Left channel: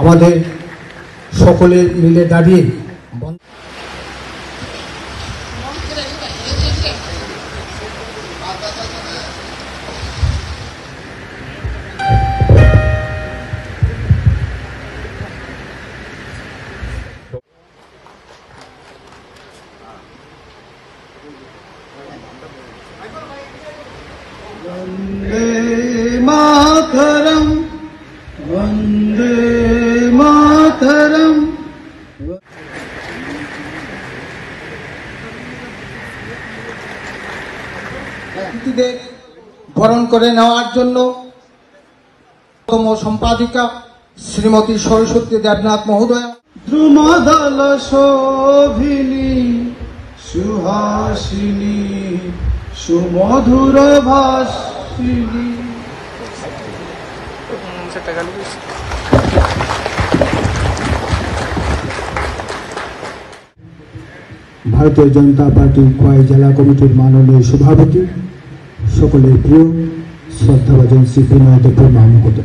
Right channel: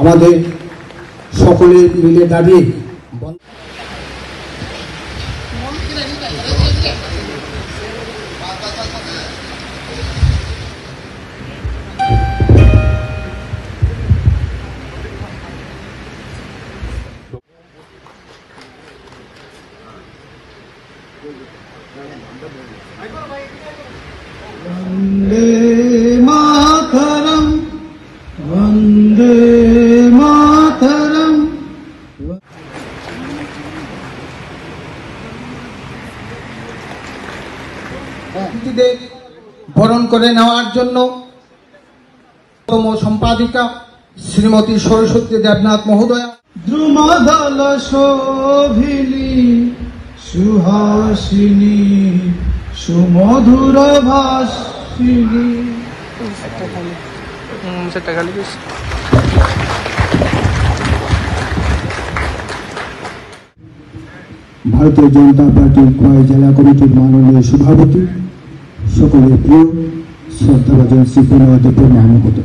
আমাদের সকলে মিলে দাঁড়িয়ে वंदे मातरम वंदे मातरम। বরণ করে নেওয়ার জন্য সম্পাদিকা শ্রীমতী সরস্বতী দেবনাথ মহোদয়, দ্রুমদল শোভিনী সুহাসিনী সুমধুর ভাষিনী। ভারতীয় জনতা পার্টির খোয়াই জেলা কমিটির মাননীয় সভাপতি, সকলের প্রিয় শ্রদ্ধাভাজন শ্রী বিনয়দেব মাহমুদ।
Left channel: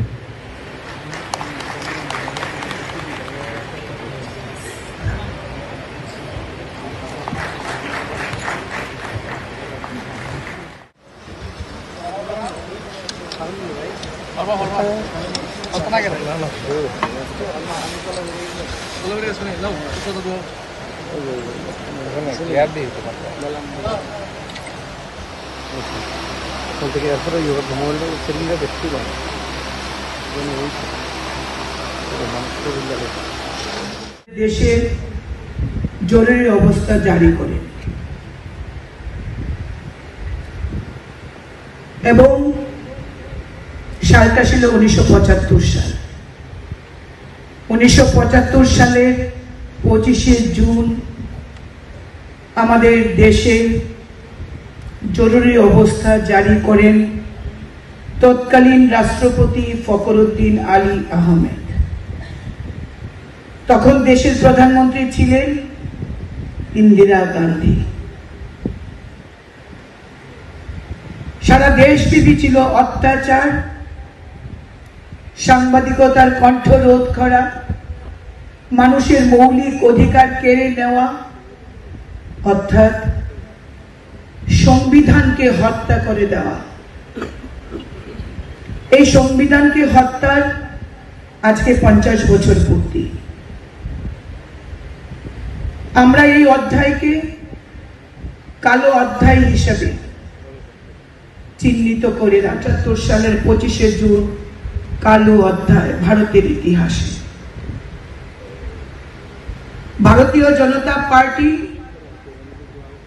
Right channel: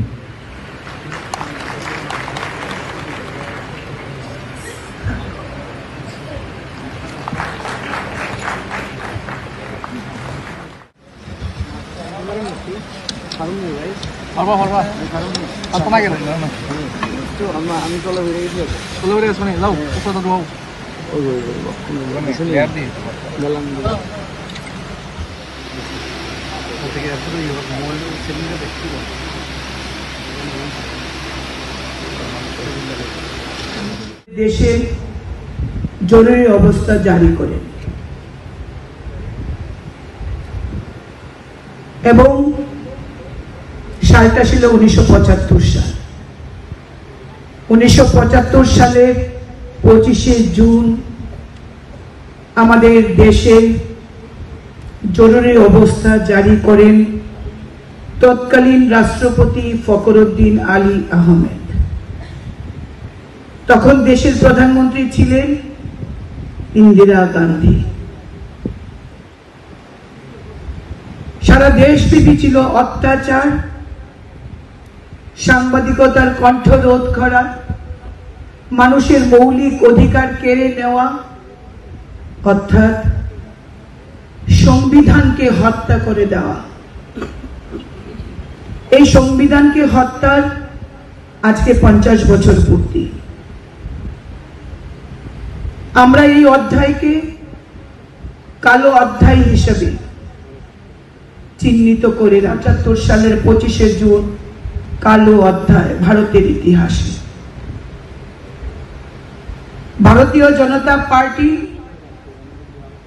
দেশে জরুরি অবস্থা জারি করে এবং সালটা ছিল 1975 সাল। 1975 সালের 25শে জুন আমাদের দেশে জরুরি অবস্থা জারি করেন তৎকালীন রাষ্ট্রপতি ফখরুদ্দিন আলী আহমেদ। তখন দেশের প্রধানমন্ত্রী ছিলেন ইন্দিরা গান্ধী। সারা দেশব্যাপী ছিল অত্যাচার, সাংবাদিকতার কণ্ঠরোধ করা, মানুষের মৌলিক অধিকার কেড়ে নেওয়া, অর্থাৎ সংবিধানকে হত্যা করে দেওয়া। এই সংবিধানকে হত্যার আজকে 50 বছর পূর্তি। আমরা এই অধ্যায়কে কালো অধ্যায় হিসেবে চিহ্নিত করে ৭৫ সালের 25শে জুন কালো অধ্যায় ভারতের ইতিহাসে। ভারতীয় জনতা পার্টি,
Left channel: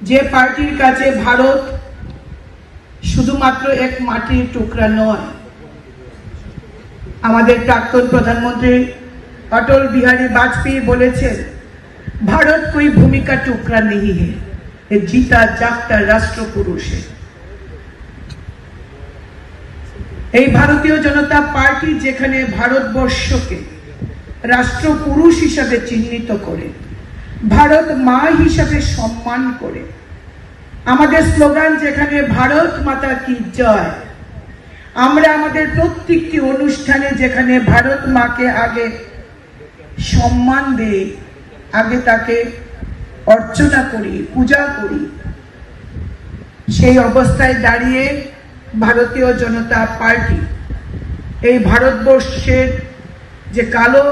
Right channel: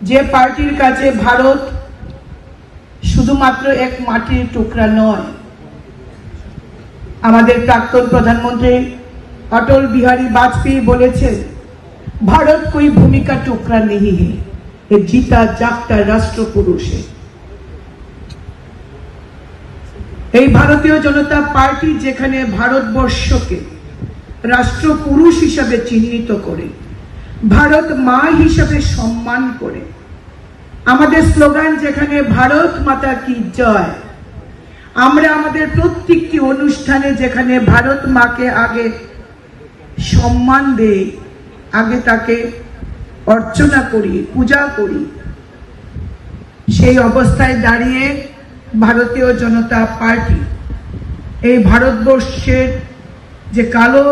যে পার্টির কাছে ভারত শুধুমাত্র এক মাটির টুকরা নয়, আমাদের প্রাক্তন প্রধানমন্ত্রী অটল বিহারী বাজপেয়ী বলেছেন, भारत कोई भूमि का टुकड़ा नहीं है, ये जीता जागता राष्ट्र पुरुष है। এই ভারতীয় জনতা পার্টি যেখানে ভারতবর্ষকে রাষ্ট্র পুরুষ হিসাবে চিহ্নিত করে, ভারত মা হিসাবে সম্মান করে, আমাদের স্লোগান যেখানে ভারত মাতা কি জয়, আমরা আমাদের প্রত্যেকটি অনুষ্ঠানে যেখানে ভারত মাকে আগে সম্মান দেই, আগে তাকে অর্চনা করি, পূজা করি, সেই অবস্থায় দাঁড়িয়ে ভারতীয় জনতা পার্টি এই ভারতবর্ষের যে কালো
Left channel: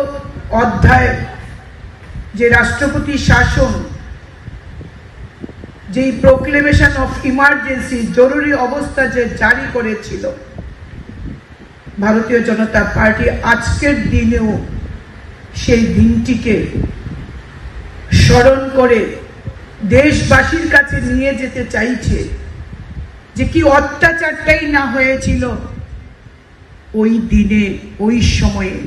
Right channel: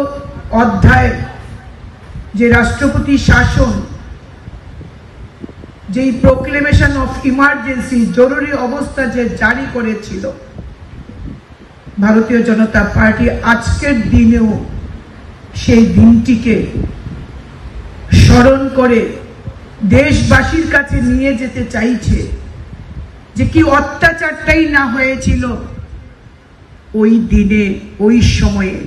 অধ্যায়, যে রাষ্ট্রপতি শাসন, যেই প্রোক্লেমেশন অফ ইমার্জেন্সি, জরুরি অবস্থা যে জারি করেছিল ভারতীয় জনতা পার্টি, আজকের দিনেও সেই দিনটিকে স্মরণ করে দেশবাসীর কাছে নিয়ে যেতে চাইছে যে কি অত্যাচারটাই না হয়েছিল ওই দিনে, ওই সময়ে।